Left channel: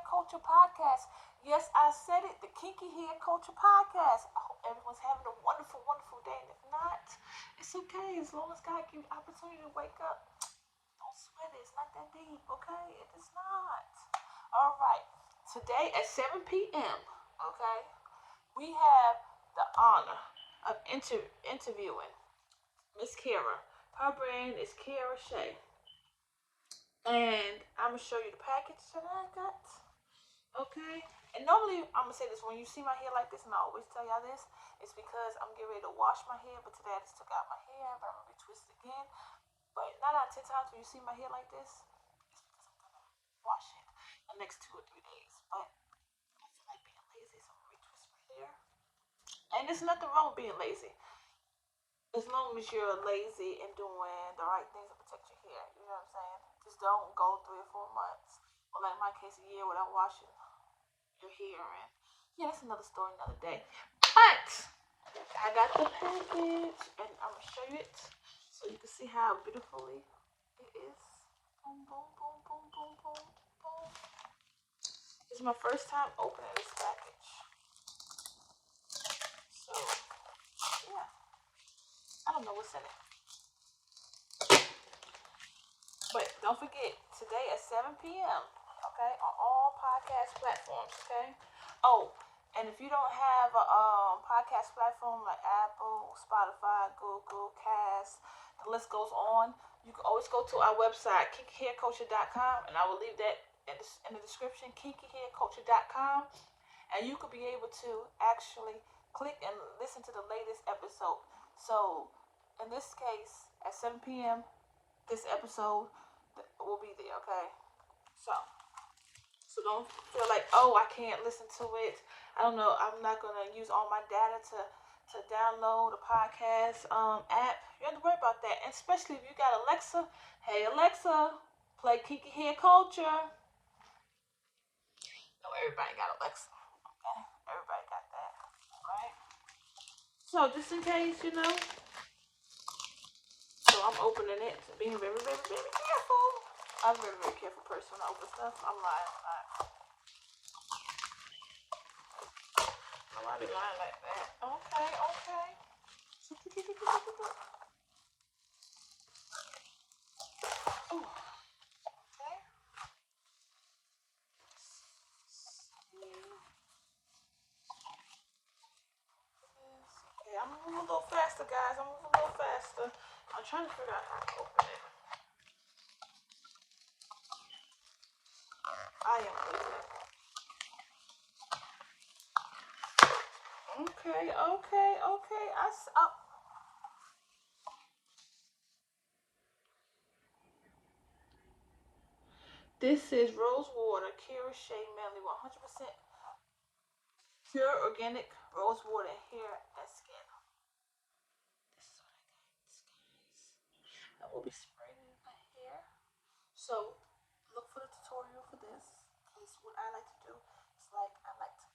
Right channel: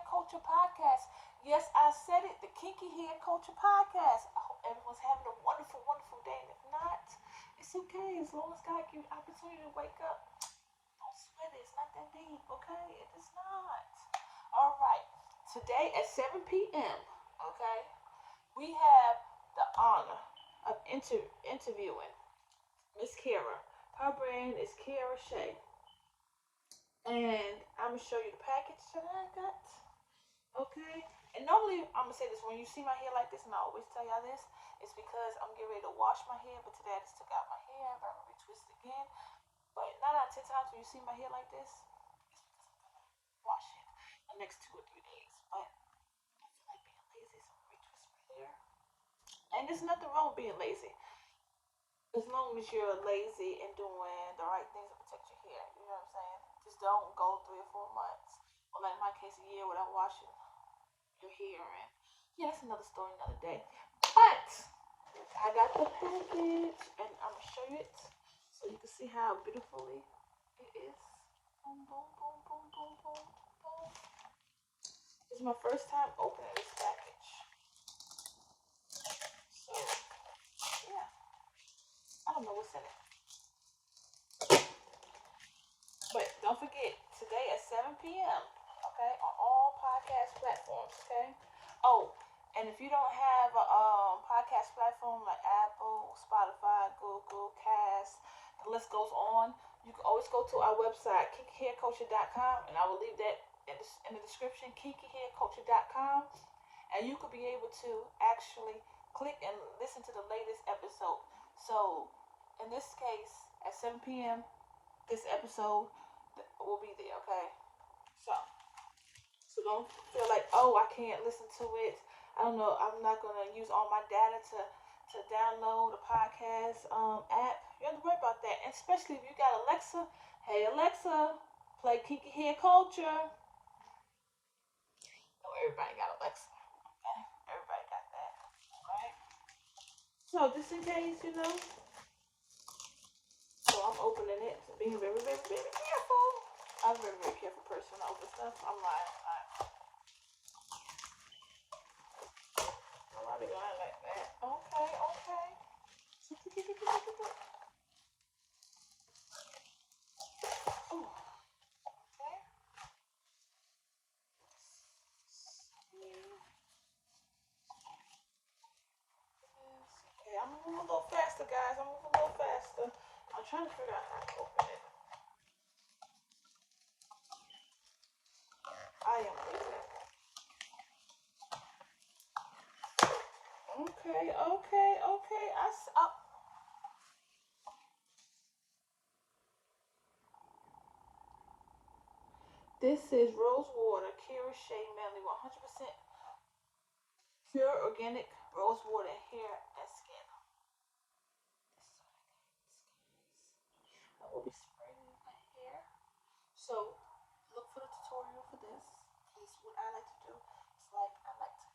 Hair Culture Podcast. Yes, I said it, the Kinky Hair Culture Podcast. I hope everyone's having a wonderful, wonderful day. And if not, it's okay. As long as God gives you the opportunity to wake up, don't sweat it. It's not that deep, okay? It is not. All right. Today at 7 p.m., okay, we have the honor of interviewing Miss Kyra. Her brand is Kyra Shea. And I'm going to show you the package that I got. Okay? And normally, I'm going to say this, when you see my hair like this, and I always tell y'all this, it's because I'm getting ready to wash my hair, but today I just took out my hair, but I'm going to retwist it again. But 9 out of 10 times when you see my hair like this, it's because I'm going to wash it the next 2 or 3 days. But I feel like being lazy, so I'm going to retwist my hair. And there's nothing wrong with being lazy. As long as you're lazy and doing the right things to protect your hair. You know what I'm saying? Just don't go 3 or 4 months, or like my case, a year without washing your hair. And yeah, that's another story, another day. But I got the package, and I'm gonna show you it so you can see how beautifully it is. Boom, boom, boom, boom, boom, boom, boom. This is my first time opening this package. So yeah, I don't know what's in it. But don't forget, today at 7 p.m., okay, on all podcast platforms, okay? Oh, and if you don't have a podcast platform like Apple, Spotify, Google, Cast, the list goes on, you can always go to our website, kinkyhairculture.com, and I will leave that in the description, kinkyhairculture.com, and you could be able to actually click and listen to the latest episode. So, in this case, at 7 p.m., this episode will be there, okay? So don't feel like, oh, I can't listen to it. I don't know. I'm not gonna use all my data to download a podcast app. You don't have to worry about that. And especially if you got Alexa. Hey Alexa, play Kinky Hair Culture. No, everybody got Alexa. Okay, everybody got that. All right. So just in case, so I'm opening it, being very, very, very careful. I'm a very, very careful person when I open stuff. I'm lying. I be lying like that. Okay, okay. Ooh, okay. Okay, I'm moving a little faster, guys. I'm moving a little faster. I'm trying to figure out how to open it. I am opening it. Okay, okay, okay. This is rose water, Kyra Shea Medleys, 100% pure organic rose water, hair and skin. This is what I got, guys. I will be spraying my hair. So look for the tutorial for this. Because what I like to do is like I like to,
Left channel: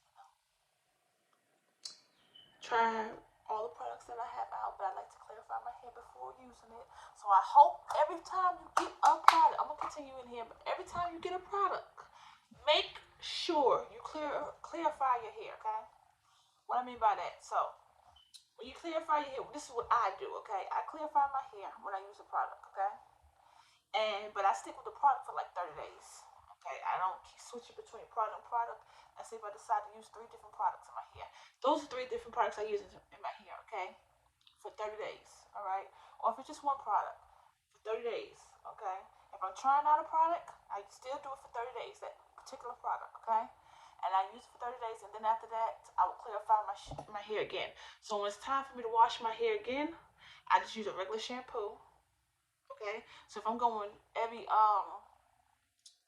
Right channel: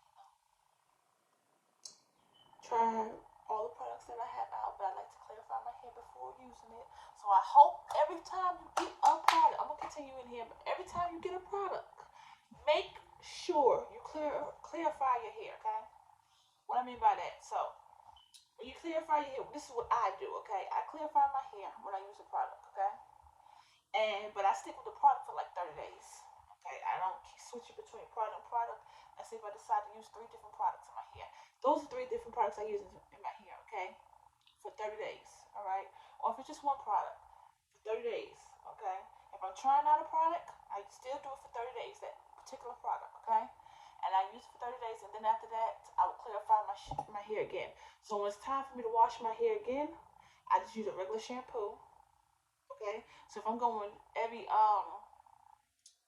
try all the products that I have out, but I like to clarify my hair before using it. So I hope every time you get a product, I'm gonna continue in here, but every time you get a product, make sure you clarify your hair, okay? What I mean by that, so when you clarify your hair, this is what I do, okay? I clarify my hair when I use a product, okay? But I stick with the product for like 30 days. Okay, I don't keep switching between product and product. I say if I decide to use 3 different products in my hair. Those are 3 different products I use in my hair, okay? For 30 days, alright? Or if it's just one product, for 30 days, okay? If I'm trying out a product, I still do it for 30 days, that particular product, okay? And I use it for 30 days, and then after that, I will clarify my hair again. So when it's time for me to wash my hair again, I just use a regular shampoo, okay? So if I'm going every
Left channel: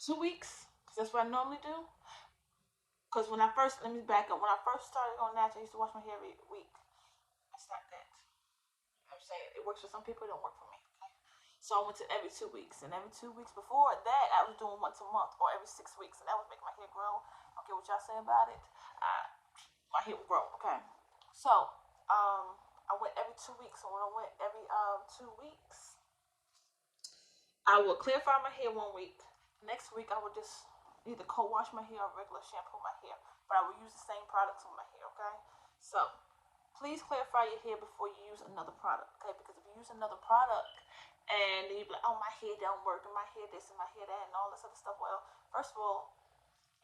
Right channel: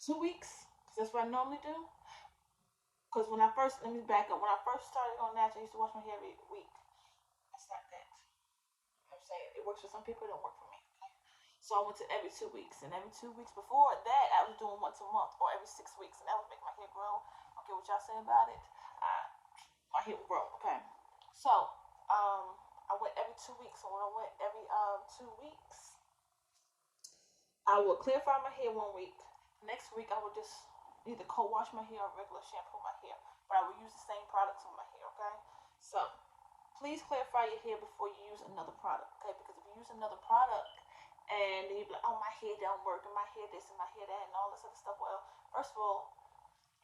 2 weeks, because that's what I normally do. Because let me back up. When I first started on natural, I used to wash my hair every week. That's not that. I'm saying it works for some people, it don't work for me. Okay? So I went to every 2 weeks, and every 2 weeks before that, I was doing once a month or every 6 weeks, and that would make my hair grow. Okay, what y'all say about it? My hair would grow. Okay, so I went every 2 weeks. So when I went every 2 weeks, I would clarify my hair one week. Next week, I would just either co-wash my hair or regular shampoo my hair. But I will use the same products on my hair, okay? So please clarify your hair before you use another product, okay? Because if you use another product and then you be like, oh, my hair don't work, and my hair this and my hair that and all this other stuff. Well, first of all,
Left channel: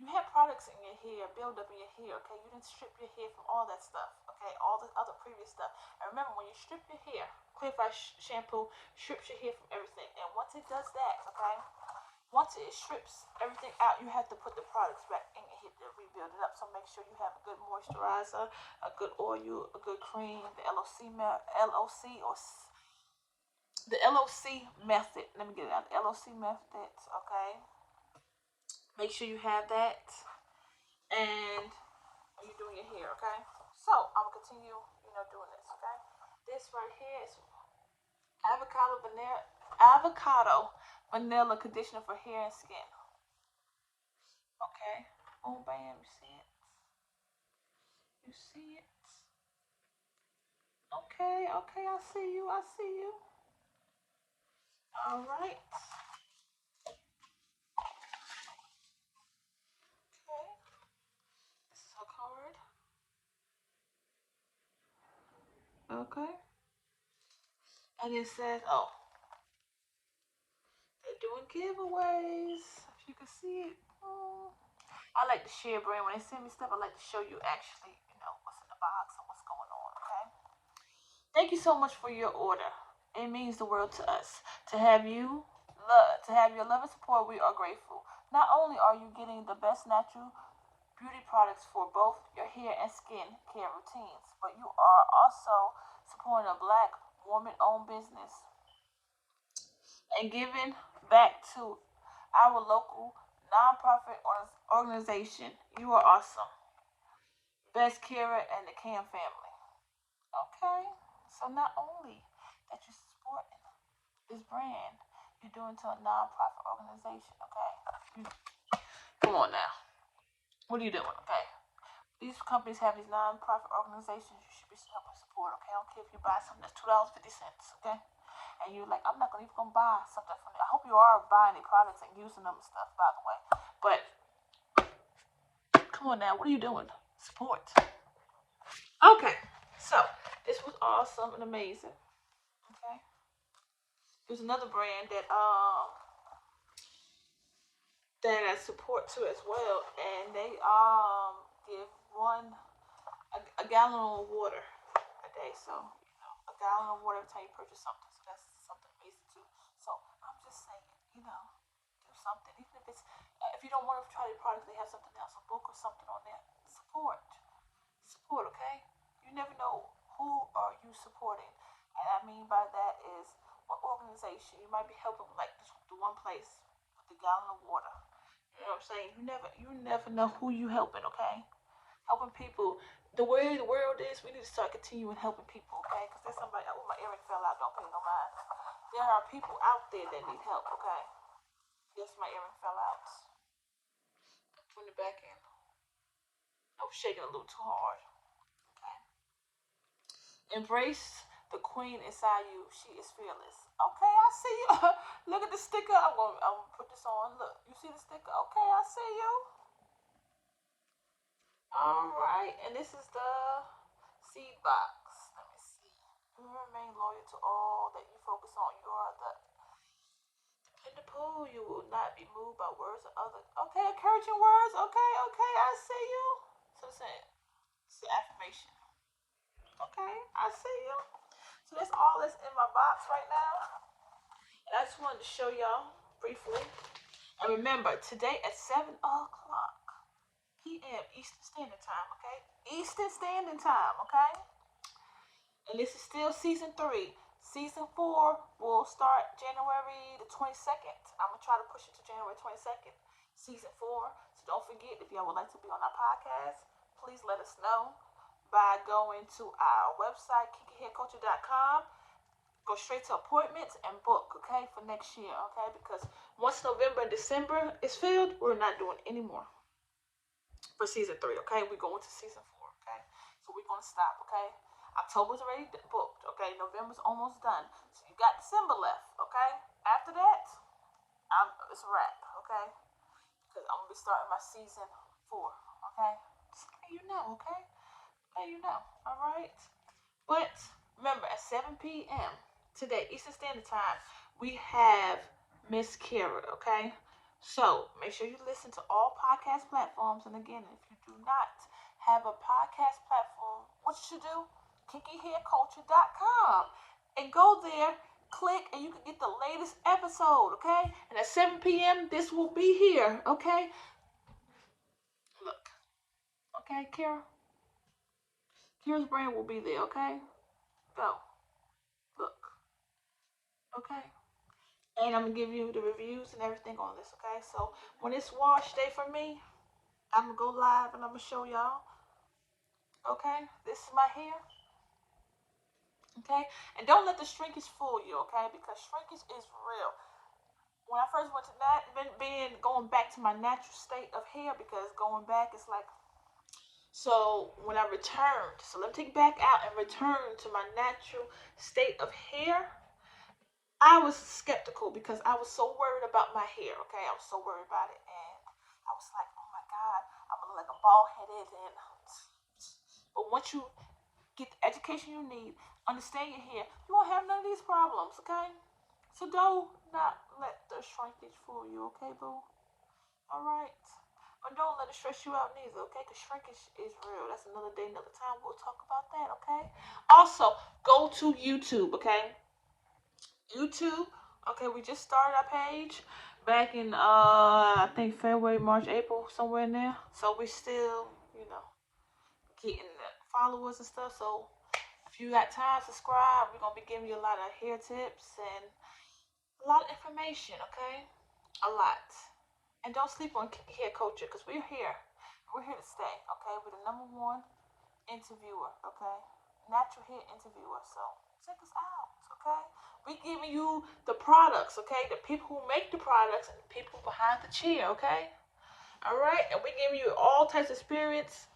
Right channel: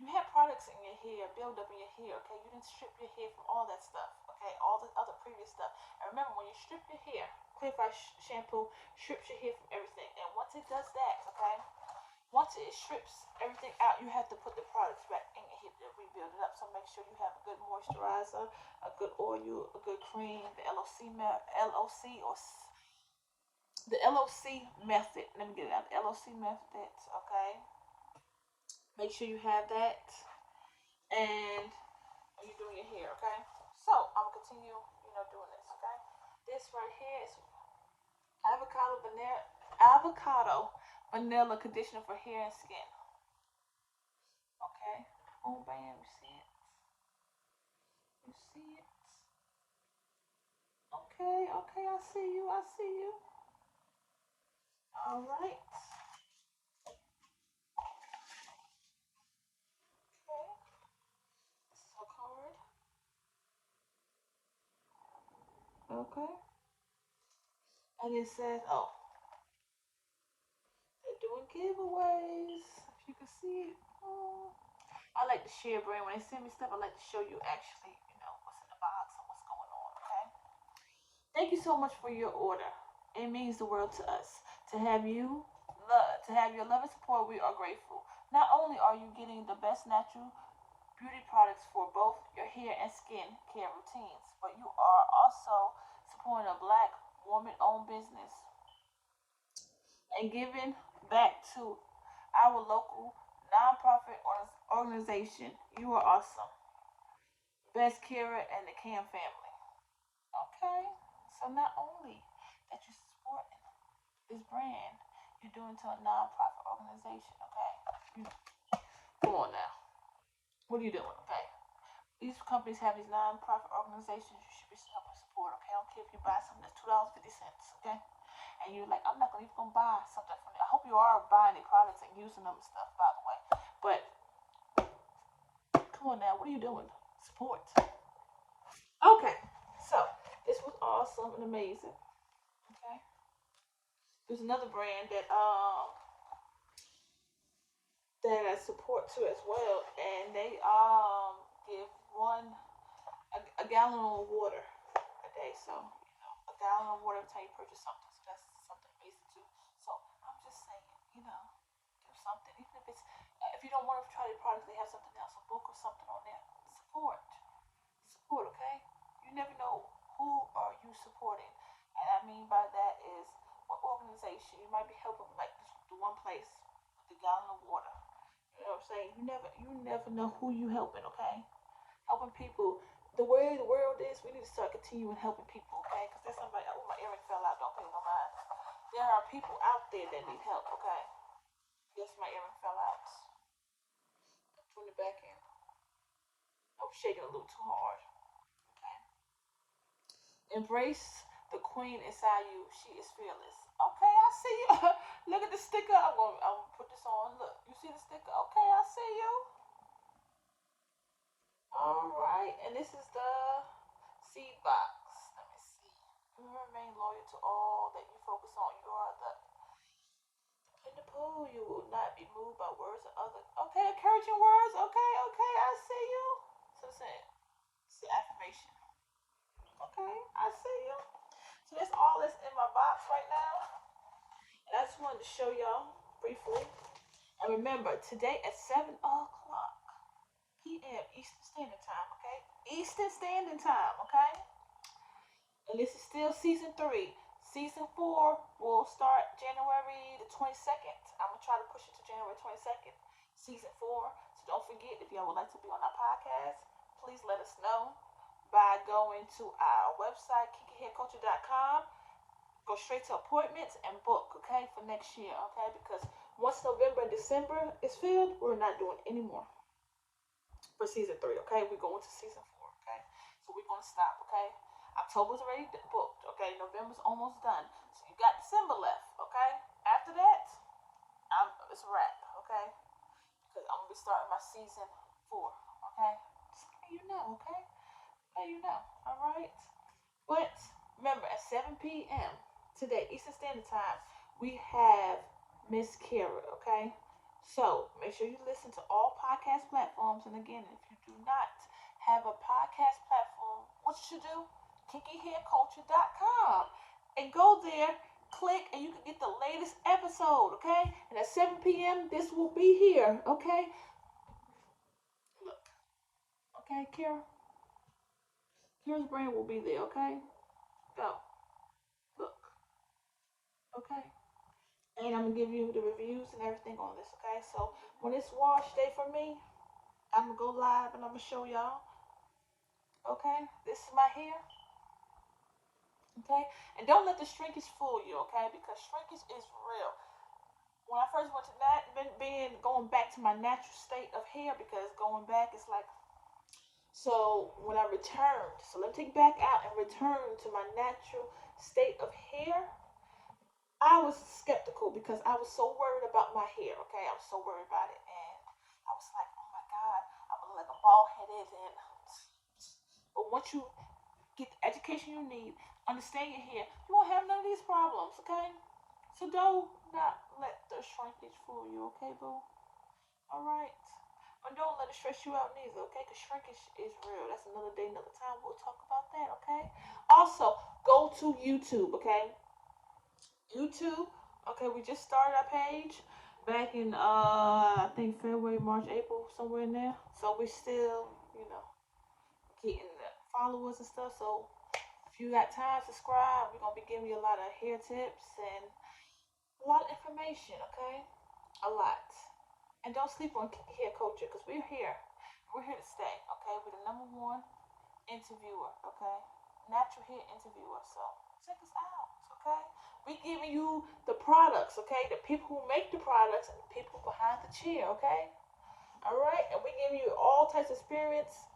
you have products in your hair, build up in your hair, okay? You didn't strip your hair from all that stuff, okay? All the other previous stuff. And remember, when you strip your hair, Clarify shampoo strips your hair from everything. And once it does that, okay? Once it strips everything out, you have to put the products back in your hair to rebuild it up. So make sure you have a good moisturizer, a good oil, a good cream, the LOC or the LOC method. Let me get it out. The LOC method, okay? Make sure you have that. And when you're doing your hair, okay? So I'm gonna continue, doing this, okay? This right here is avocado vanilla conditioner for hair and skin. Okay. Oh bam, you see it? You see it? Okay, I see you, I see you. Alright. Okay. This is her card. Okay. And it says, oh, they're doing giveaways. If you can see it. I like to share brand. When they send me stuff, I like to show you actually, what's in the box and what's going on, okay? Thank you so much for your order. It means the world to us. To have your love and support, we are grateful. Not only are you getting the best natural beauty products for both your hair and skin care routines, but you are also supporting a black woman-owned business and giving back to our local nonprofit organization. You are awesome. Best Kyra and the Cam family. Okay? So not only that you're supporting this brand, you're doing to a nonprofit organization, okay? Come on now. What are you doing, okay? These companies have these nonprofit organizations you should be helping support, okay? I don't care if you buy something that's $2.50, okay? And you're like, I'm not even gonna buy something from there. I hope you are buying the products and using them and stuff, by the way. But come on now, what are you doing? Support. Okay, so this was awesome and amazing. Okay, there's another brand that I support too as well, and they give a gallon of water a day. So a gallon of water every time you purchase something. So that's something amazing too. So I'm just saying, do something. Even if it's if you don't want to try the product, they have something else, a book or something on there. Support, okay? You never know who are you supporting, and I mean by that is what organization you might be helping, like the one place with the gallon of water. You know what I'm saying? You never know who you helping, okay? Helping people. The way the world is, we need to start continuing helping people, okay? Because there's somebody, oh, my earring fell out, don't pay no mind. There are people out there that need help, okay? Yes, my earring fell out. Putting it back in. I was shaking a little too hard, okay? Embrace the queen inside you. She is fearless. Okay, I see you. Look at the sticker. I'm gonna put this on. Look, you see the sticker? Okay, I see you. All right, and this is the seed box. Let me see. You remain loyal to all that you focus on. You are the dependable. You will not be moved by words of others. Okay, encouraging words. Okay, I see you. So it's an affirmation. Okay, I see you. So that's all that's in my box right now. And I just wanted to show y'all briefly. And remember, today at 7 o'clock p.m. Eastern Standard Time, okay? Eastern Standard Time, okay? And this is still season 3. Season 4 will start January the 22nd. I'm going to try to push it to January 22nd. Season 4. So don't forget, if y'all would like to be on our podcast, please let us know by going to our website, kinkyhairculture.com. Go straight to appointments and book, okay, for next year, okay? Because once November and December is filled, we're not doing any more for season 3, okay? We're going to season 4, okay? So we're going to stop, okay? October's already booked, okay? November's almost done. So you got December left, okay? After that, it's a wrap, okay? because I'm gonna be starting my season 4. Okay, just let you know. Okay, let you know. All right. But remember, at 7 p.m. today, Eastern Standard Time, we have Miss Kyra. Okay, so make sure you listen to all podcast platforms. And again, if you do not have a podcast platform, what you should do? KinkyHairCulture.com and go there. Click and you can get the latest episode. Okay, and at 7 p.m. this will be here. Okay, look. Okay, Kyra's brand will be there. Okay, go look. Okay. And I'm gonna give you the reviews and everything on this, okay? So when it's wash day for me, I'm gonna go live and I'm gonna show y'all, okay? This is my hair, okay? And don't let the shrinkage fool you, okay? Because shrinkage is real. When I first went to that, being going back to my natural state of hair, because going back is like, so when I returned, so let me take back out and return to my natural state of hair. I was skeptical because I was so worried about my hair. Okay, I was so worried about it, and I was like, "Oh my God, I'm gonna look like a bald headed." And but once you get the education you need, understand your hair, you won't have none of these problems. Okay, so don't not let the shrinkage fool you. Okay, boo. All right. But don't let it stress you out neither, okay? Because shrinkage is real. That's another day, another time. We'll talk about that, okay? Also, go to YouTube, okay? YouTube. Okay, we just started our page back in I think February, March, April, somewhere in there. So we still, getting the followers and stuff. So if you got time, subscribe. We're gonna be giving you a lot of hair tips and a lot of information, okay? A lot. And don't sleep on hair culture because we're here. We're here to stay, okay? We're the #1 interviewer, okay? Natural hair interviewer. So check us out, okay? We giving you the products, okay? The people who make the products and the people behind the chair, okay? All right, and we giving you all types of experience,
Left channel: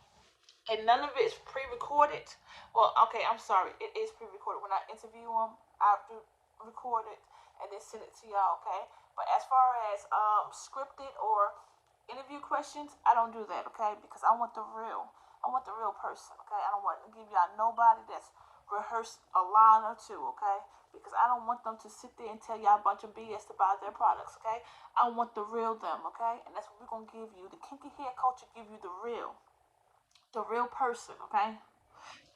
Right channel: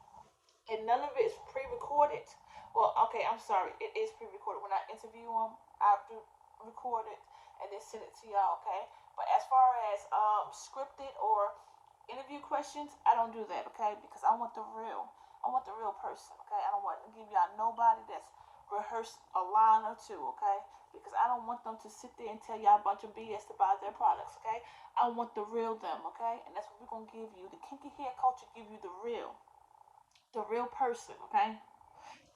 and none of it is pre-recorded. Well, okay, I'm sorry, it is pre-recorded. When I interview them, I do record it and then send it to y'all, okay? But as far as scripted or interview questions, I don't do that, okay? Because I want the real. I want the real person, okay? I don't want to give y'all nobody that's rehearsed a line or two, okay? Because I don't want them to sit there and tell y'all a bunch of BS to buy their products, okay? I want the real them, okay? And that's what we're gonna give you. The kinky hair culture give you the real person, okay?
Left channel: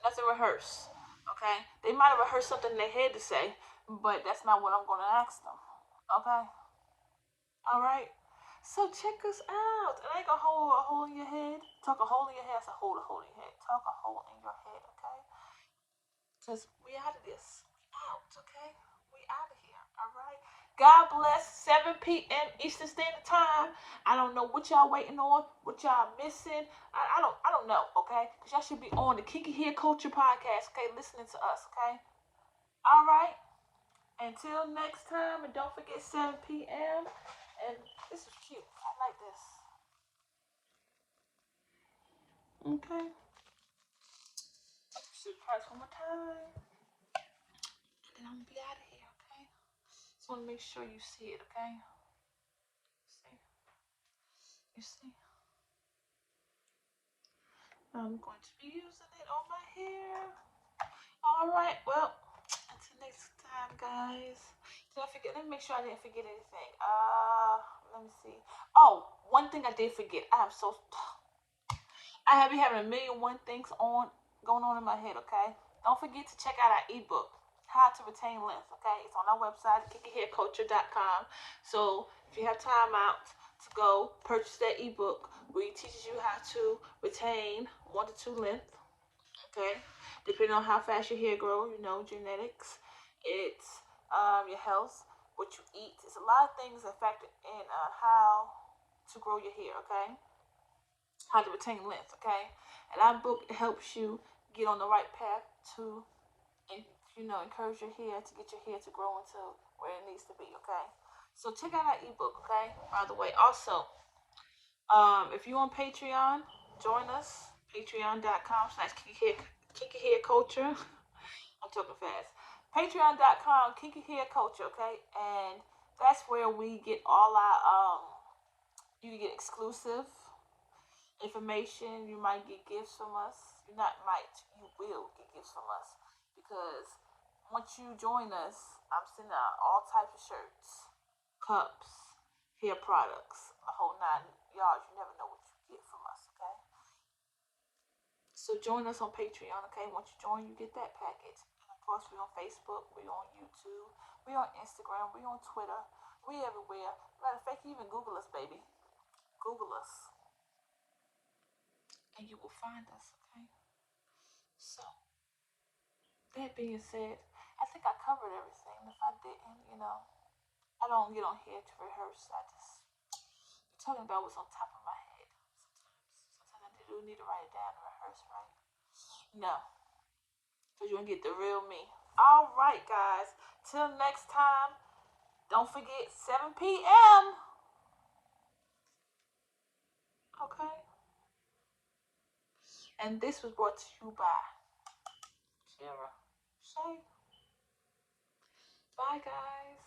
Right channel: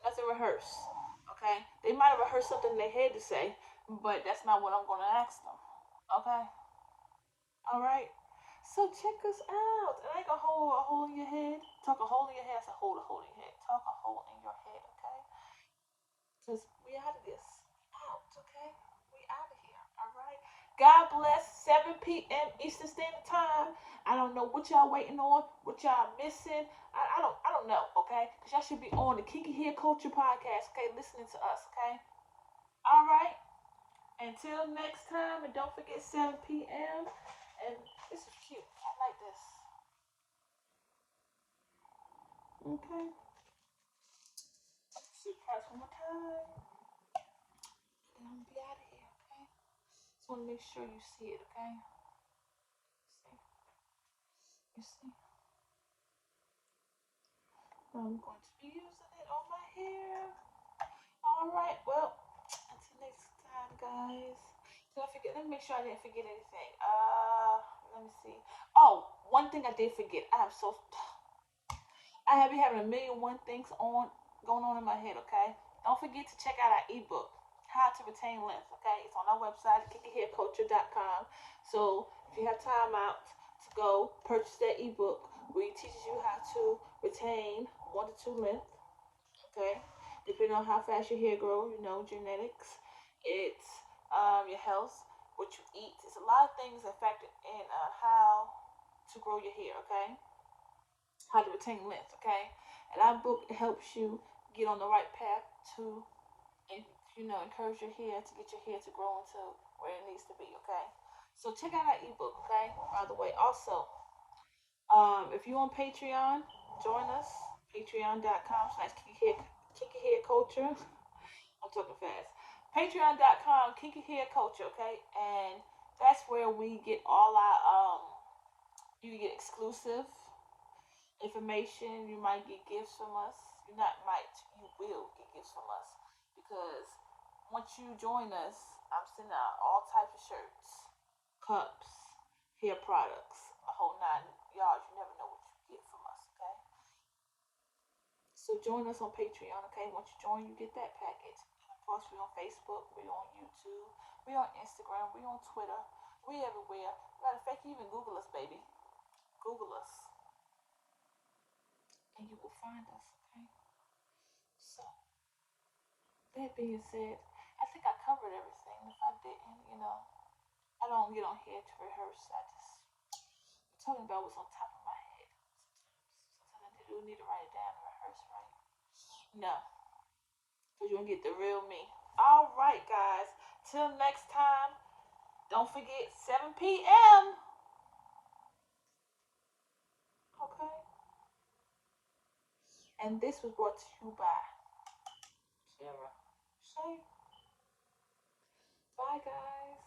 Nothing rehearsed, okay? They might have rehearsed something in their head to say, but that's not what I'm gonna ask them, okay? All right. So check us out. It ain't gonna hold a hole in your head. Talk a hole in your head. So hold a hole in your head. Talk a hole in your head, okay? Cause we out of this. We out, okay? We out of here. All right. God bless. 7 p.m. Eastern Standard Time. I don't know what y'all waiting on. What y'all missing. I don't know. Okay. Cause y'all should be on the Kinky Hair Culture podcast. Okay, listening to us. Okay. All right. Until next time, and don't forget 7 p.m. And this is cute. I like this. Okay. So parts one more time. And then I'm gonna be out of here, okay? Just wanna make sure you see it, okay? See? You see? I'm going to be using it on my hair. Alright, well, until next time, guys. Did I forget? Let me make sure I didn't forget anything. Let me see. Oh, one thing I did forget. I have been having a million one things on going on in my head, okay? Don't forget to check out our ebook, How to Retain Length, okay? It's on our website, kinkyhairculture.com. So if you have time out to go purchase that ebook where it teaches you how to retain 1 to 2 length, okay? Depending on how fast your hair grows, genetics, it's your health, what you eat. It's a lot of things that factor in how to grow your hair, okay? How to retain length, okay? And our book helps you get on the right path to, encourage your hair to get your hair to grow into where it needs to be, okay? So check out our ebook, okay? By the way, also, if you're on Patreon, join us. Patreon.com/Kinky Hair Culture. I'm talking fast. Patreon.com, Kinky Hair Culture, okay? And that's where we get all our You can get exclusive information. You might get gifts from us. You not might. You will get gifts from us because once you join us, I'm sending out all types of shirts, cups, hair products, a whole nine yards. You never know what you get from us. Okay. So join us on Patreon. Okay. Once you join, you get that package. And of course, we're on Facebook. We're on YouTube. We're on Instagram. We're on Twitter. We everywhere. Matter of fact, you even Google us, baby. Google us, and you will find us. Okay. So that being said, I think I covered everything. If I didn't, I don't get on here to rehearse. I just talking about what's on top of my head. Sometimes I do need to write it down and rehearse, right? No, because you're gonna get the real me. All right, guys. Till next time. Don't forget 7 p.m. Okay. And this was brought to you by Kyra. Shea. Bye, guys.